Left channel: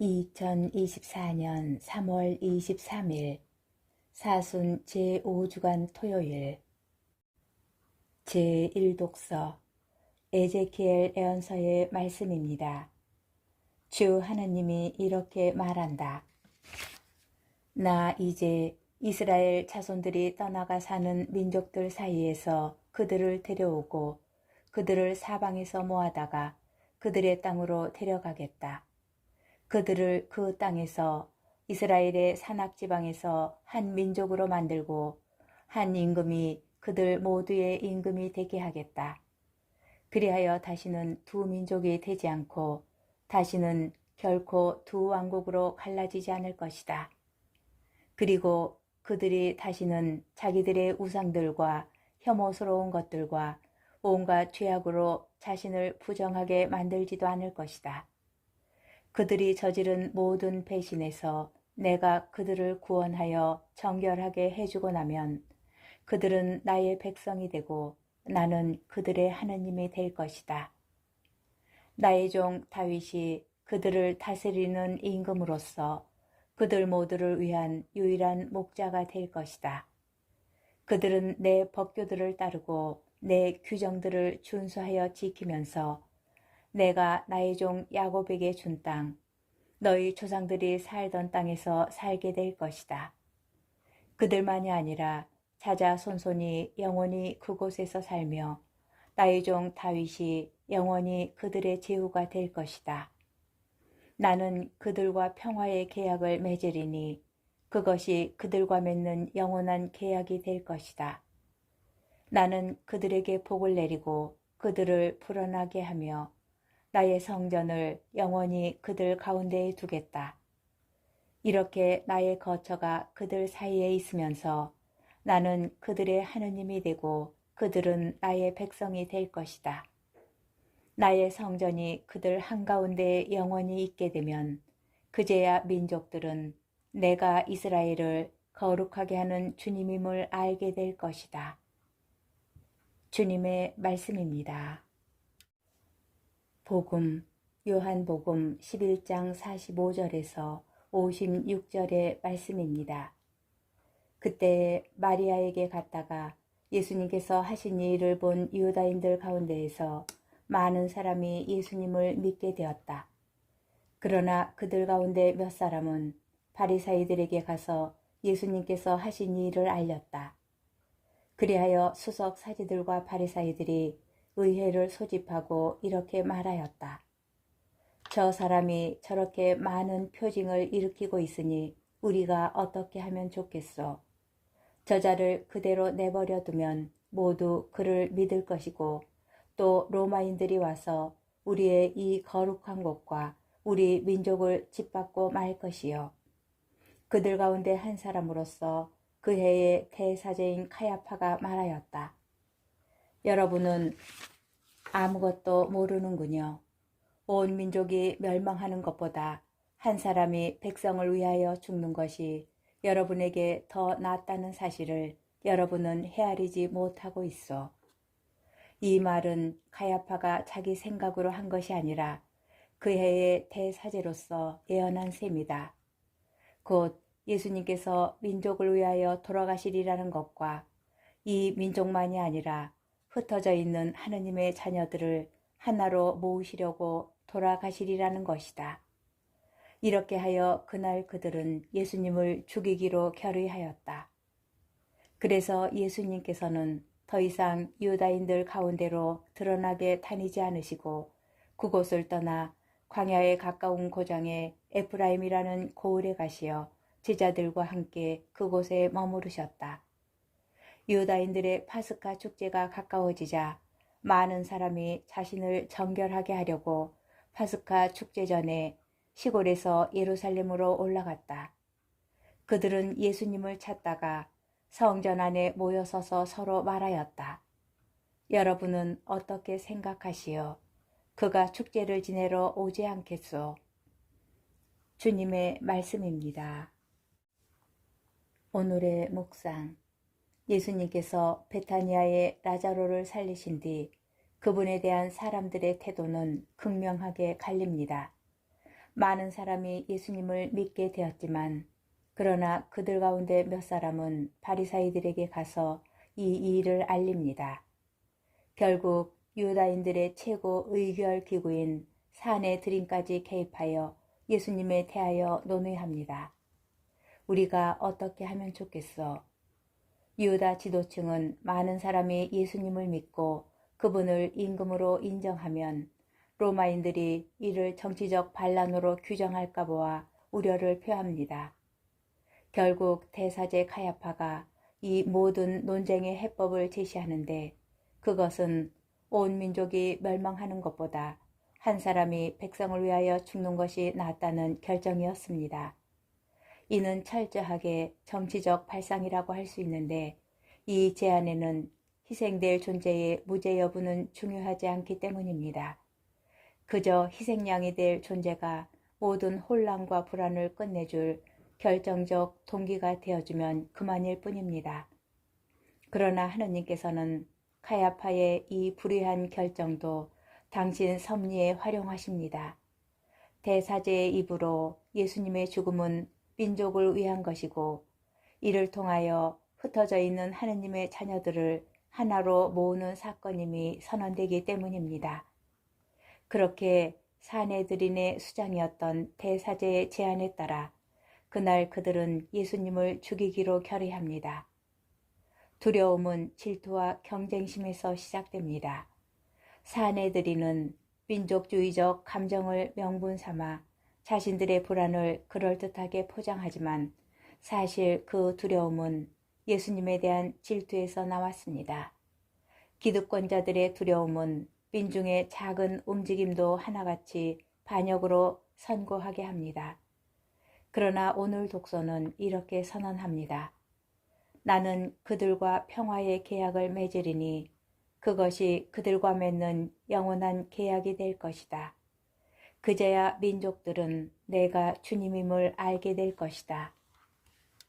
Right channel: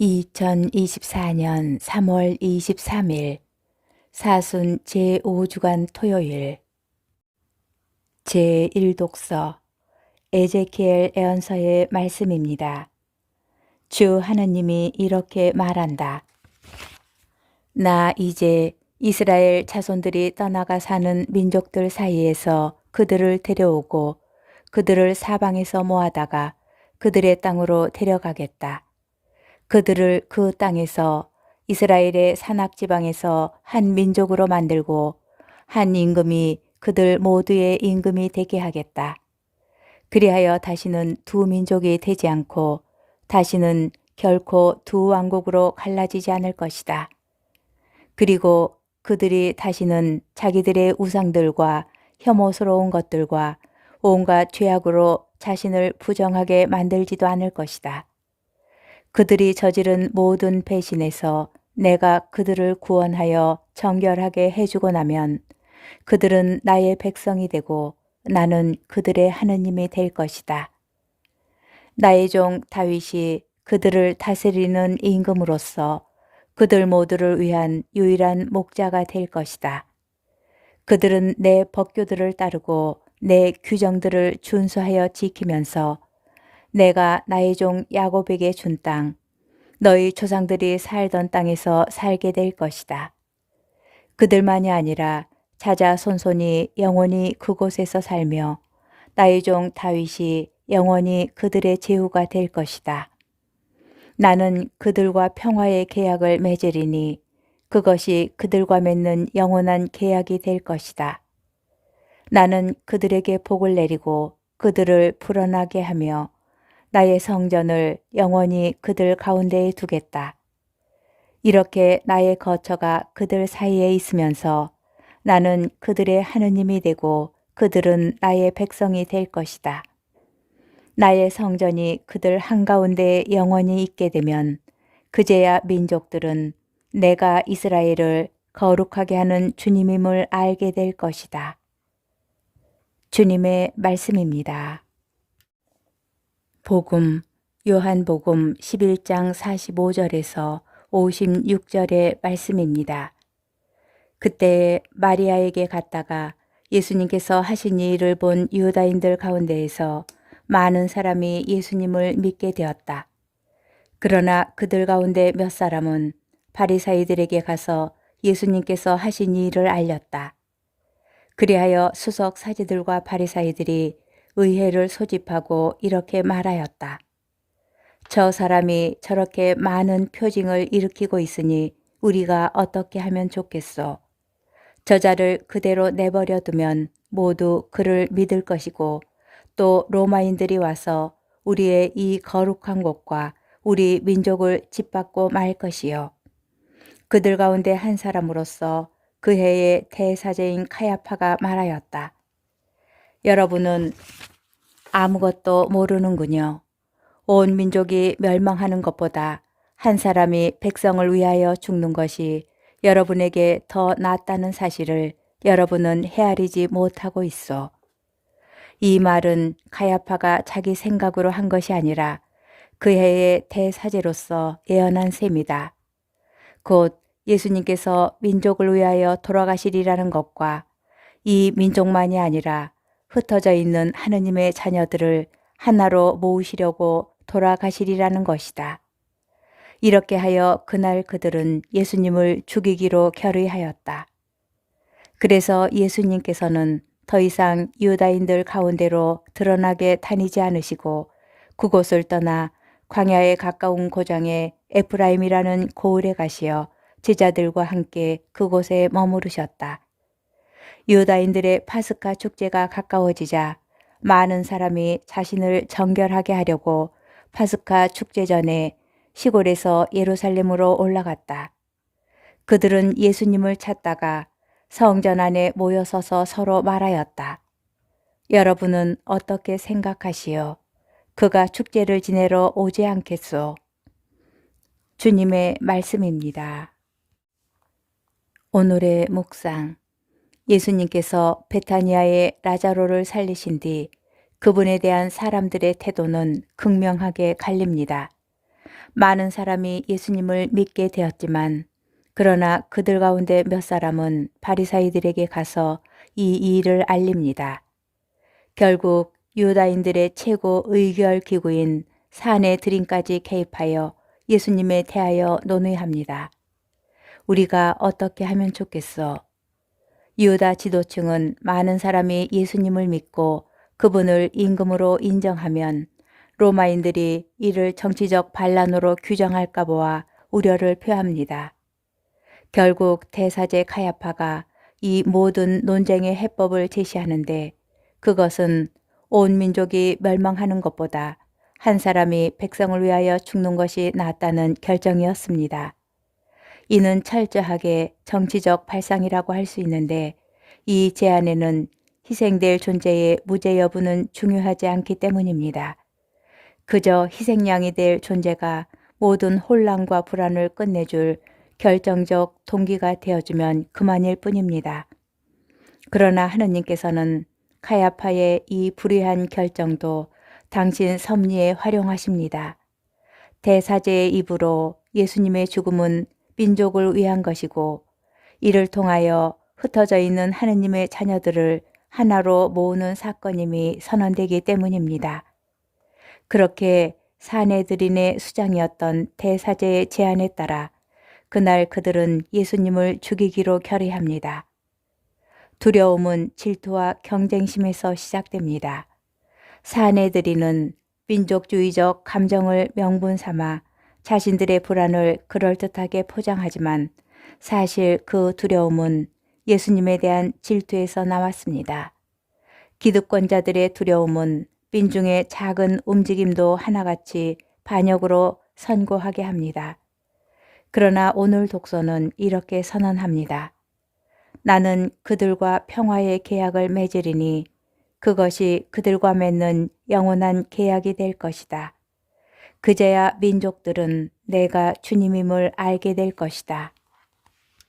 2024년 3월 23일 사순 제5주간 토요일 제1독서 에제키엘 애언서의 말씀입니다. 주 하나님이 이렇게 말한다. 나 이제 이스라엘 자손들이 떠나가 사는 민족들 사이에서 그들을 데려오고 그들을 사방에서 모아다가 그들의 땅으로 데려가겠다. 그들을 그 땅에서 이스라엘의 산악 지방에서 한 민족으로 만들고 한 임금이 그들 모두의 임금이 되게 하겠다. 그리하여 다시는 두 민족이 되지 않고 다시는 결코 두 왕국으로 갈라지지 않을 것이다. 그리고 그들이 다시는 자기들의 우상들과 혐오스러운 것들과 온갖 죄악으로 자신을 부정하게 만들지도 않을 것이다. 그들이 저지른 모든 배신에서 내가 그들을 구원하여 정결하게 해주고 나면 그들은 나의 백성이 되고 나는 그들의 하느님이 될 것이다. 나의 종 다윗이 그들을 다스리는 임금으로서 그들 모두를 위한 유일한 목자가 될 것이다. 그들은 내 법규들을 따르고 내 규정들을 준수하여 지키면서 내가 나의 종 야곱에게 준 땅, 너희 조상들이 살던 땅에서 살게 될 것이다. 그들만이 아니라 자자 손손이 영원히 그곳에서 살며 나의 종 다윗이 영원히 그들의 제후가 될 것이다. 나는 그들과 평화의 계약을 맺으리니 그것이 그들과 맺는 영원한 계약이 될 것이다. 나는 그들에게 복을 내리고 그들을 불어나게 하며 나의 성전을 영원히 그들 가운데에 두겠다. 이렇게 나의 거처가 그들 사이에 있으면서 나는 그들의 하느님이 되고 그들은 나의 백성이 될 것이다. 나의 성전이 그들 한가운데에 영원히 있게 되면 그제야 민족들은 내가 이스라엘을 거룩하게 하는 주님임을 알게 될 것이다. 주님의 말씀입니다. 복음 요한복음 11장 45절에서 56절의 말씀입니다. 그때 마리아에게 갔다가 예수님께서 하신 이 일을 본 유다인들 가운데에서 많은 사람이 예수님을 믿게 되었다. 그러나 그들 가운데 몇 사람은 바리사이들에게 가서 예수님께서 하신 이 일을 알렸다. 그리하여 수석 사제들과 바리사이들이 의회를 소집하고 이렇게 말하였다. 저 사람이 저렇게 많은 표징을 일으키고 있으니 우리가 어떻게 하면 좋겠소? 저자를 그대로 내버려 두면 모두 그를 믿을 것이고 또 로마인들이 와서 우리의 이 거룩한 곳과 우리 민족을 짓밟고 말 것이요. 그들 가운데 한 사람으로서 그 해의 대사제인 카야파가 말하였다. 여러분은 아무것도 모르는군요. 온 민족이 멸망하는 것보다 한 사람이 백성을 위하여 죽는 것이 여러분에게 더 낫다는 사실을 여러분은 헤아리지 못하고 있어. 이 말은 가야파가 자기 생각으로 한 것이 아니라 그 해의 대사제로서 예언한 셈이다. 곧 예수님께서 민족을 위하여 돌아가시리라는 것과 이 민족만이 아니라 흩어져 있는 하느님의 자녀들을 하나로 모으시려고 돌아가시리라는 것이다. 이렇게 하여 그날 그들은 예수님을 죽이기로 결의하였다. 그래서 예수님께서는 더 이상 유다인들 가운데로 드러나게 다니지 않으시고 그곳을 떠나 광야에 가까운 고장에 에프라임이라는 고을에 가시어 제자들과 함께 그곳에 머무르셨다. 유다인들의 파스카 축제가 가까워지자 많은 사람이 자신을 정결하게 하려고 파스카 축제 전에 시골에서 예루살렘으로 올라갔다. 그들은 예수님을 찾다가 성전 안에 모여서서 서로 말하였다. 여러분은 어떻게 생각하시오? 그가 축제를 지내러 오지 않겠소? 주님의 말씀입니다. 오늘의 묵상. 예수님께서 베타니아의 라자로를 살리신 뒤 그분에 대한 사람들의 태도는 극명하게 갈립니다. 많은 사람이 예수님을 믿게 되었지만 그러나 그들 가운데 몇 사람은 바리사이들에게 가서 이 일을 알립니다. 결국 유다인들의 최고 의결 기구인 사내들인까지 개입하여 예수님에 대하여 논의합니다. 우리가 어떻게 하면 좋겠어? 유다 지도층은 많은 사람이 예수님을 믿고 그분을 임금으로 인정하면 로마인들이 이를 정치적 반란으로 규정할까 보아 우려를 표합니다. 결국 대사제 카야파가 이 모든 논쟁의 해법을 제시하는데 그것은 온 민족이 멸망하는 것보다 한 사람이 백성을 위하여 죽는 것이 낫다는 결정이었습니다. 이는 철저하게 정치적 발상이라고 할 수 있는데 이 제안에는 희생될 존재의 무죄 여부는 중요하지 않기 때문입니다. 그저 희생양이 될 존재가 모든 혼란과 불안을 끝내줄 결정적 동기가 되어주면 그만일 뿐입니다. 그러나 하느님께서는 카야파의 이 불의한 결정도 당신 섭리에 활용하십니다. 대사제의 입으로 예수님의 죽음은 민족을 위한 것이고 이를 통하여 흩어져 있는 하느님의 자녀들을 하나로 모으는 사건임이 선언되기 때문입니다. 그렇게 사내들인의 수장이었던 대사제의 제안에 따라 그날 그들은 예수님을 죽이기로 결의합니다. 두려움은 질투와 경쟁심에서 시작됩니다. 사내들이는 민족주의적 감정을 명분 삼아 자신들의 불안을 그럴듯하게 포장하지만 사실 그 두려움은 예수님에 대한 질투에서 나왔습니다. 기득권자들의 두려움은 민중의 작은 움직임도 하나같이 반역으로 선고하게 합니다. 그러나 오늘 독서는 이렇게 선언합니다. 나는 그들과 평화의 계약을 맺으리니 그것이 그들과 맺는 영원한 계약이 될 것이다. 그제야 민족들은 내가 주님임을 알게 될 것이다.